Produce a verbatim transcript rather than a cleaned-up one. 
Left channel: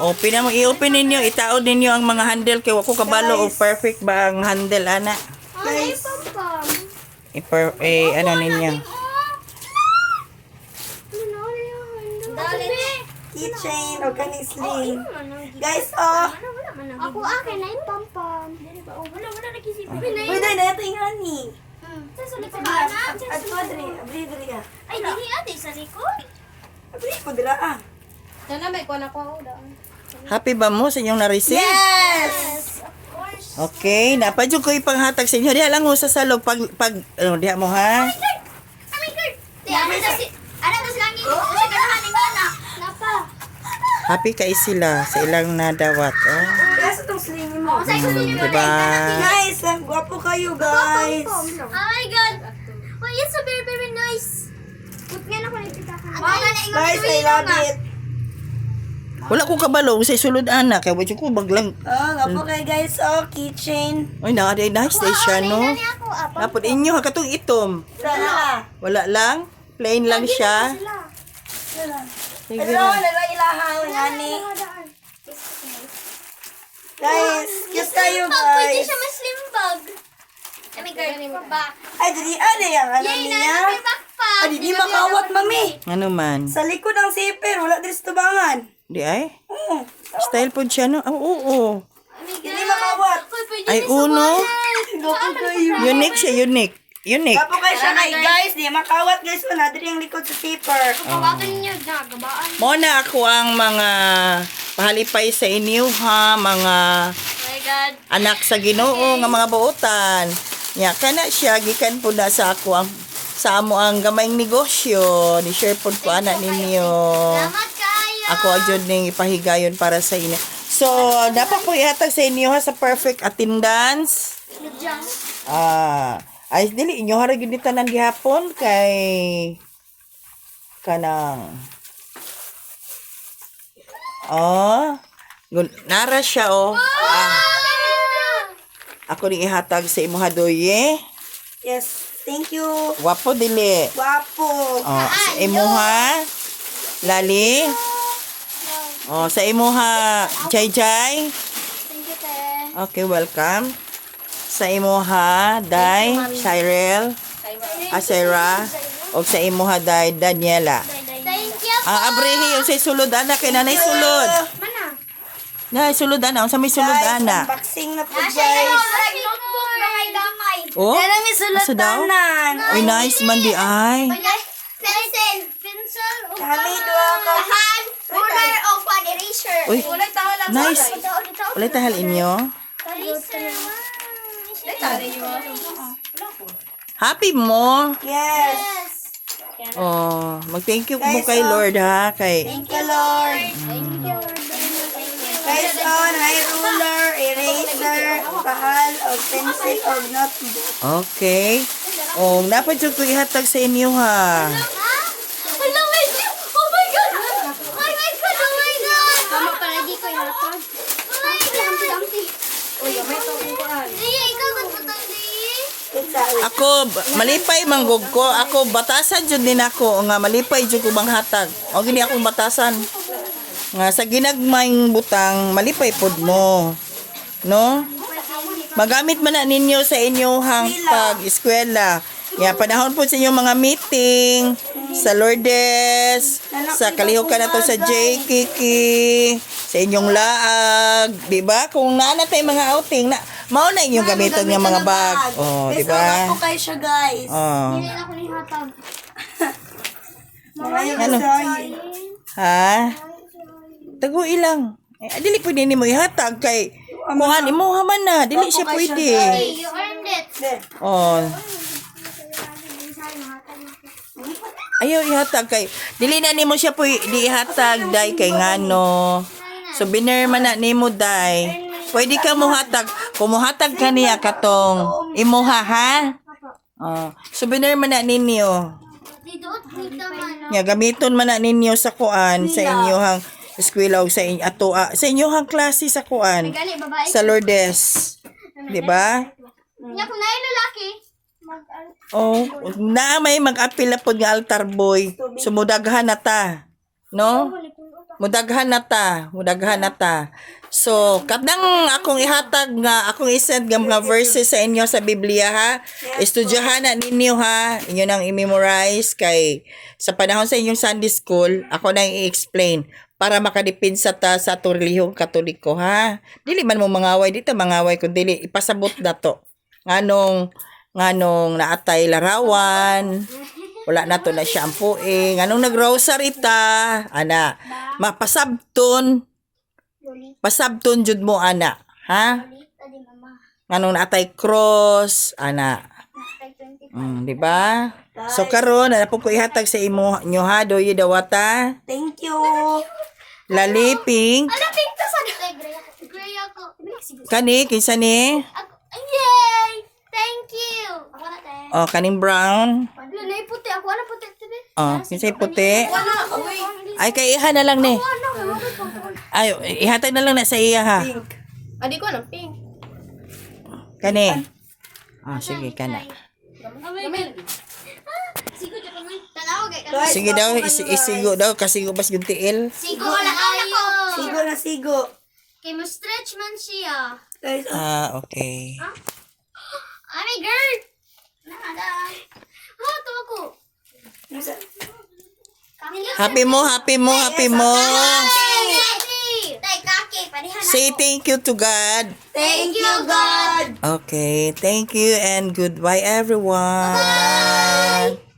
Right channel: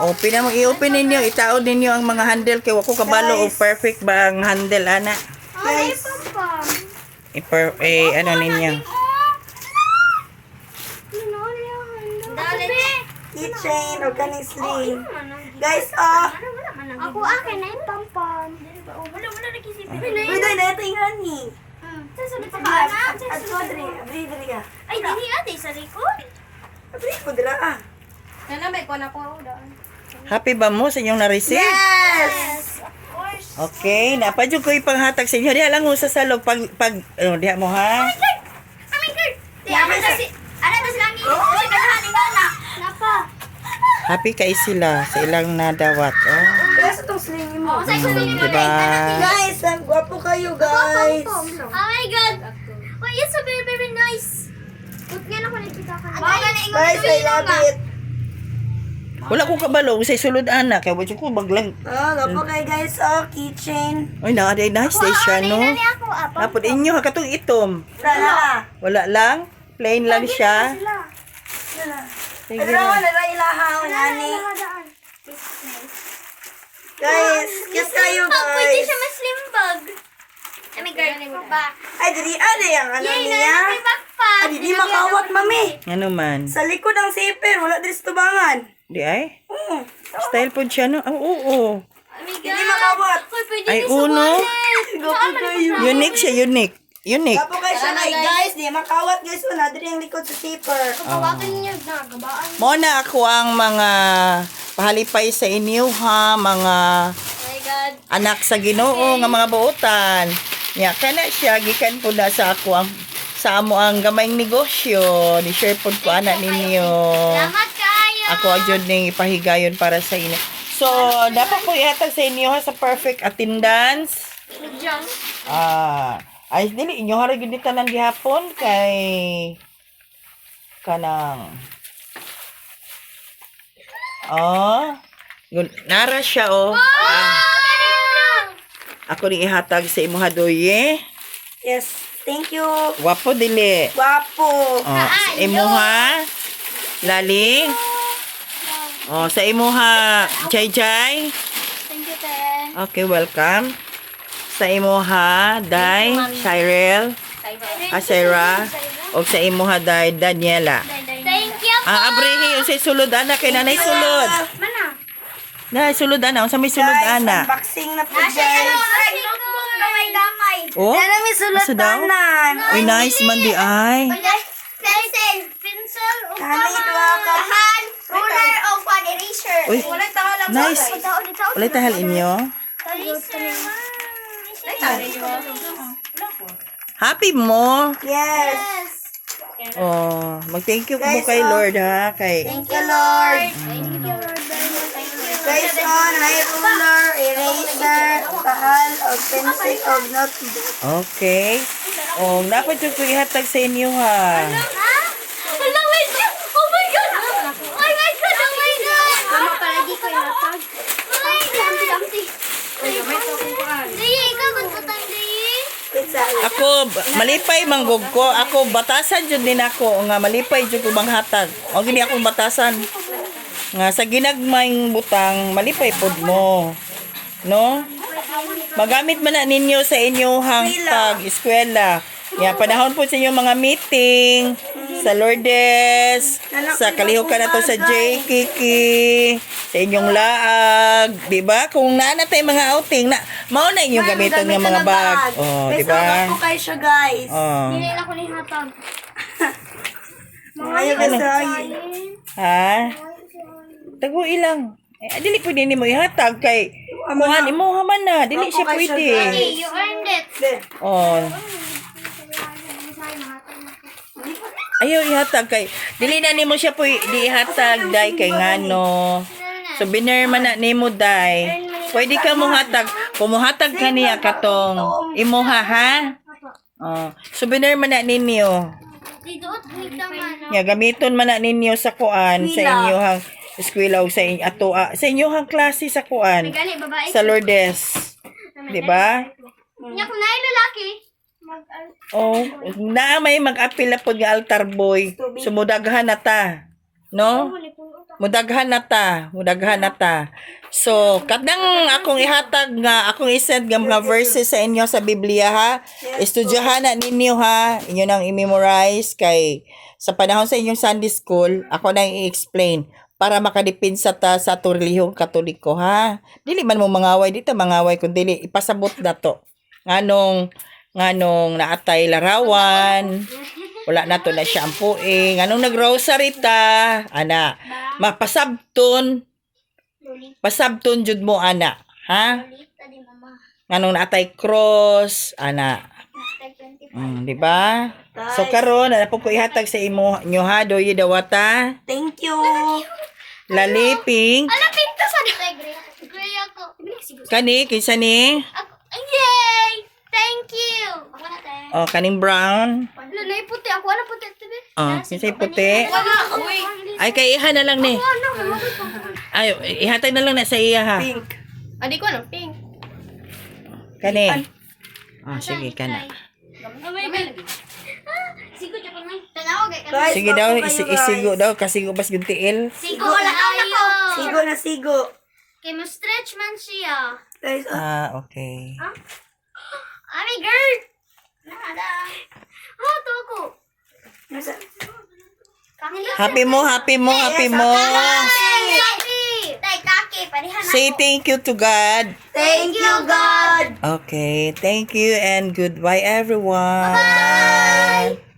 Open na, i-open ninyo, itaod ninyo ang mga handle kay wako kabalo o perfect ba ang handle ana. Ay, pam-pam. I-per, eh, ano ninyo. Keychain, organisling. Guys, oh. Ako akin na yung pam-pam. Wala, wala nakisip. Uy, dahil na ito yung honey. Sa likod Ah, na. At ko, Adri. Adri, Adri ka. Ay, dili ate, sa likod. Adri, ko dira ah. Sana may kuha na ko daan. Happy ba mo sa inyong na-receive? Yes! Of course. Okay, napadyo ko ipanghatag sa inyo. Diha lang mo sa salog pag, pag, ano, diha mo ha? Oh my God! Di, ano na si... Ano na silang ini? Kasi ganahan ni Nana. Napa. Happy kay sila sa ilang nadawat. Oh. Kaya sa itong sling mo. Sa isa Hmm, diba? Guys, ang gwapo kayo, guys. Oh my God! Oh, it's so very, very nice. Put nga na ko nagpita ka. Mga ka na ingon Guys, I love it. Wala ko kabalo sa sulod anak. Kaya wadyo ko baglang. Oh, gwapo kayo, guys. Oh, keychain. Ay, na, nice day siya, no? Nani ako, apa? Napod inyo, ha, katong itom. Sana. Wala lang? Plain lang siya? Sana. Sige Pero, na. nalwa ilahaw, nani. Guys, cute kayo, Pag pwede guys. siya mas slim bag. Oh my God. Back. Ay, diri, ano yung ano Yay, niya? nana, may backpack. Ay, di makawat, mami. Ano man? Sa likod ng zipper, wala din sa tubangan. Di ay? Oo. Style po siya, no? Oo, oo. Oh my God. Hindi makawat. Uy, pwede Ay, din sa uno. wallet. Gwapo kayo. Unique siya, unique. Unique. Gwapo kayo siya, guys. Guys, di makawat, guys. Wala din yung likod sa zipper. Kawakan niyo na, gabaan. Mo na ako ang mga pahalipay sa inyo, ha? Mga Oh my God. anak sa Ginoo nga mga buotan. Nya kana siya gikan po na sa ako ang sa amo ang gamayng negosyo. Ni share pod ko anak ninyo. Salamat kayo. Ako adyon ning ipahigayon para sa inyo. So, dapat ko ihatag sa inyo ha, sa perfect attendance. Diyan. Ah, ay dili inyo harag gyud tanan gihapon kay kanang Oh, gun- nara siya oh. Ah, ako ni ihatag sa imo hadoye. Yes. Thank you. Wapo dili. Gwapo. Oh, sa imo ha. Lali. Oh, sa imo ha. Jay Jay. Thank you, te. Okay, welcome. Sa imo ha, Day, Cyril, Asera, o sa imo ha, Day, Daniela. Thank you po. Ah, abrehi, yung sa sulod, anak, kay nanay sulod. Mana? Nay, sulod, anak, sa may sulod, Guys, anak. unboxing na po, Nasa guys. ano, rag notebook na may damay. Oh, Yan ang may asa daw? sulatanan. Uy, nice man di ay. Pencil. Pencil. O Kami dua ka. Tahan. Ruler o pan eraser. Uy, nice. Walay tahal inyo. Eraser. Happy mo. Yes. Oh, mag-thank you mo kay Lord, ha, kay... Thank you, Lord. Thank you, Lord. Guys, on, may ruler, eraser, tahal, o pencil, o notebook. Okay. Oh, dapat yung ko ihatag sa inyo, ha. Hello, wait. Oh my God. Oh my God. Oh my God. Tama pala di ko ilatag. Ay, damti, damti. Uy, may tokong ko an. Di, ikaw magputang di. It's a Ako, ba- malipay manggog ko. Ako, batasan jud din ako. Nga, malipay jud ko bang hatag. O, gini akong batasan. Nga, sa ginagmayng butang, malipay pod mo. No? Magamit man na ninyo sa inyong pag-eskwela. Yan, panahon po sa inyong mga meeting, sa Lourdes, sa kalihukan na to sa J. Kiki, sa inyong laag, di ba? Kung naana tayo mga outing, na, mao na inyong gamitan ng mga bag. Oh, di ba? May kayo siya, guys. Oh. Hindi na ako ni hatag. Ngayon, Ano? guys, Ha? Tago ilang. Eh, dili pwede ni mo ihatag kay kuhan imo haman na, dili siya pwede. Hey, you earned it. Oh. Ayaw ihatag kay dili na nimo siya pwede ihatag dai kay ngano. So biner man na nimo dai. Pwede ka mo hatag, kung mo hatag ka niya katong imo ha ha. Oh, so biner man na ninyo. Dito, dito man. Ya gamiton man na ninyo sa kuan sa inyohang eskwela o sa inyo ato ah, sa inyohang klase sa kuan Gani, babae. sa Lourdes. Di ba? Nya kung naay lalaki, mag Oh, na may mag-apil na po nga altar boy. Sumudaghan na ta. No? Mudaghan na ta, mudaghan na ta. So, kadang akong ihatag nga, akong isend nga mga verses sa inyo sa Biblia ha. Estudyahan na ninyo ha. Inyo nang i-memorize kay sa panahon sa inyong Sunday school, ako na i-explain para makadipinsa ta sa ato relihiyong Katoliko ha. Dili man mo mangaway dito, mangaway kun dili ipasabot na to. Nganong nganong naatay larawan. Wala na to na shampoo eh. Nganong nag-rosary ta, ana. Mapasabton. Pasabton jud mo ana, ha? Lita di mama. Nganong naatay cross, ana. Tag twenty. Mm, di ba? So karon na po ko ihatag sa imo nyo ha, doy dawata. Thank you. Laliping. Ano pinto sa gray? Gray ako. Kani kinsa ni? Ako. Yay! Thank you. Ako na tayo. Oh, kaning brown. Ano na puti? Ako na puti tabi. Oh, kinsay puti. Wala. Uy. Ay kay iha na lang ni. Ay, ihatag na lang na sa iya ha. Pink. Adi ko lang pink. Kani. Oh, sige kana. Oh my God. Sigo dyan pa nga. Tanaw kay Sige daw, isi- isigo daw kasi ubas yung tiil. Sigo wala ayo. Sigo na sigo. Kay mo stretch man siya. Guys, oh, Ah, okay. Oh my God. Nada. Oh, to ako. nasa... Happy mo, happy mo, happy mo. Happy. Tay kaki parihan Say thank you to God. Thank you, God. Okay, thank you and goodbye everyone. Bye.